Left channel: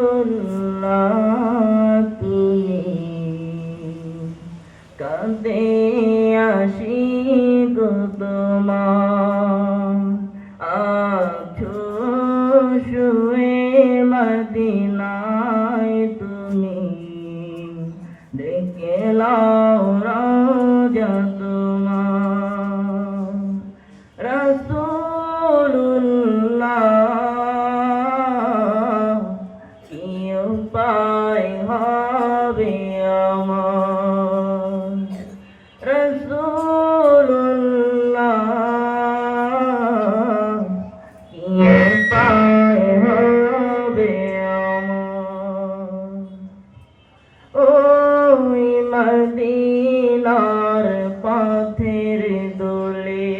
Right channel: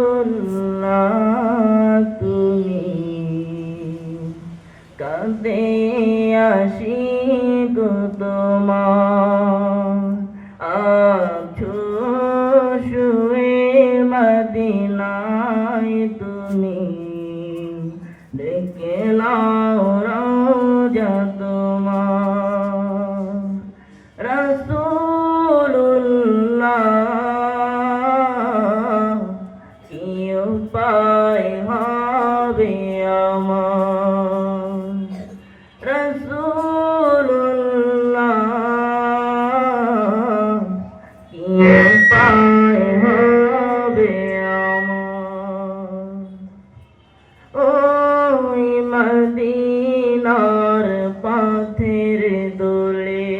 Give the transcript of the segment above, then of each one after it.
রাসূলুল্লাহ তুমি কাঁদে আসি গো তোমার আছো শুয়ে মদিনায় তুমি দেখে লাও রওজা তোমার রাসূলুল্লাহ কি উপায় হবে আমার রাসূলুল্লাহ কি উপায় হবে আমার ওই মদিনার পথের দোলে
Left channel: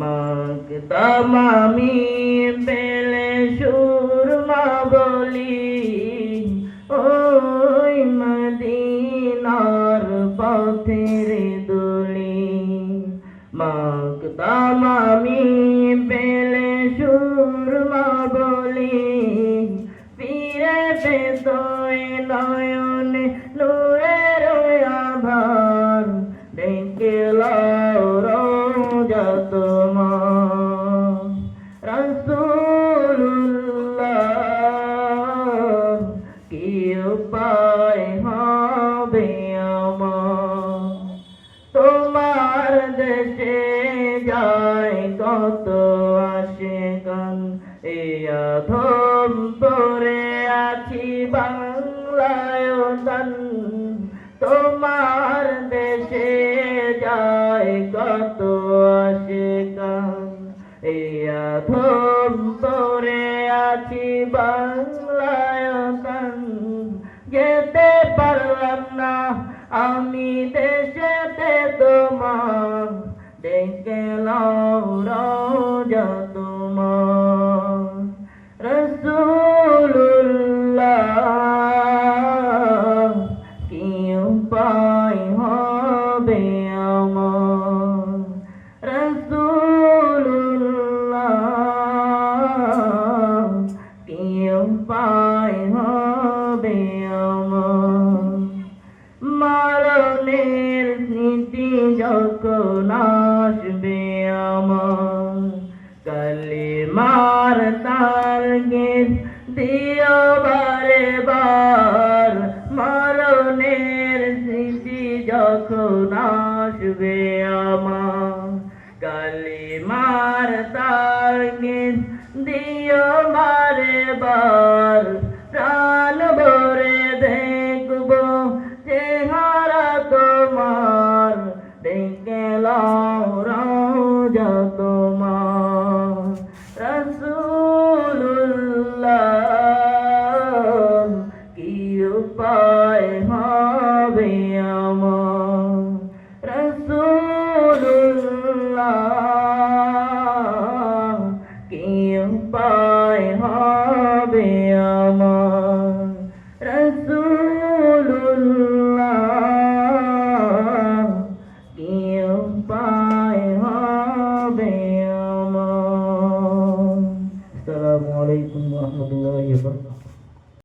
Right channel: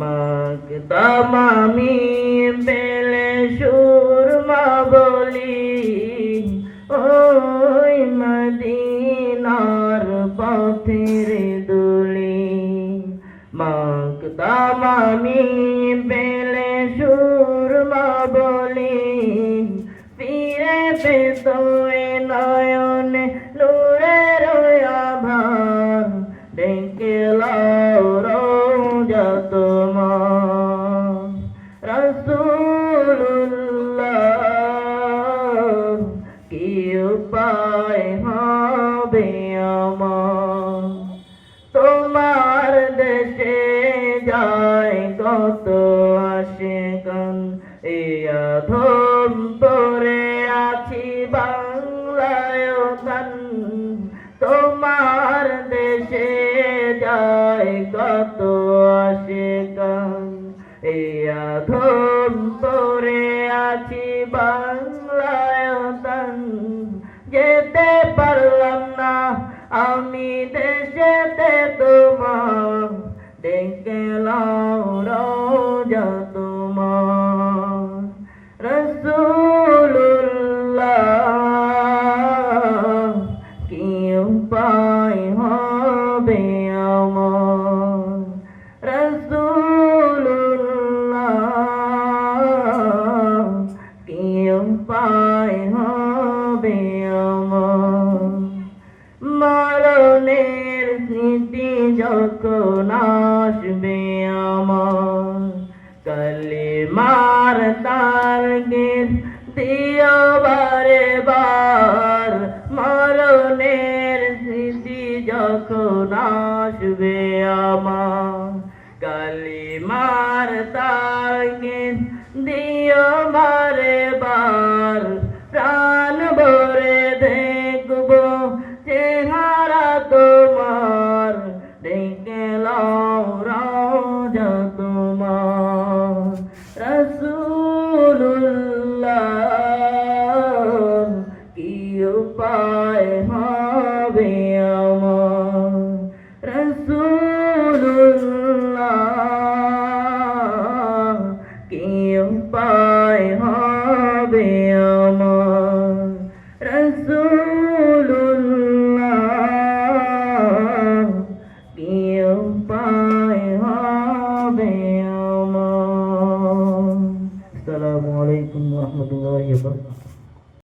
মাগতাম আমি পেলে সুরমা বলি ওই মদিনার পথের দোলে মাগতাম আমি পেলে সুরমা বলি ফিরে পেত নয়নে নূরের আভার দেখে লাও রওজা তোমার রাসূলুল্লাহ কি উপায় হবে আমার তোমার দেশে যায় কত আশিকান এই আধম পরে আছি বাংলায় গান তোমার দেশে যায় কত আশিকান এই আধম পরে আছি বাংলায় গান যেতে পারলাম না আমি দেশেতে তোমার দেখে লাও রওজা তোমার রাসূলুল্লাহ কি উপায় হবে আমার রাসূলুল্লাহ কি উপায় হবে আমার মরণের স্মৃতি যখন আসবে আমার কালেমার তারগেট দিও বারে বার মরণের স্মৃতি যখন আসবে আমার কালেমার তারগেট দিও বারে বার প্রাণ ভরে দেখবো চেহারা তোমার দেখে লাও রওজা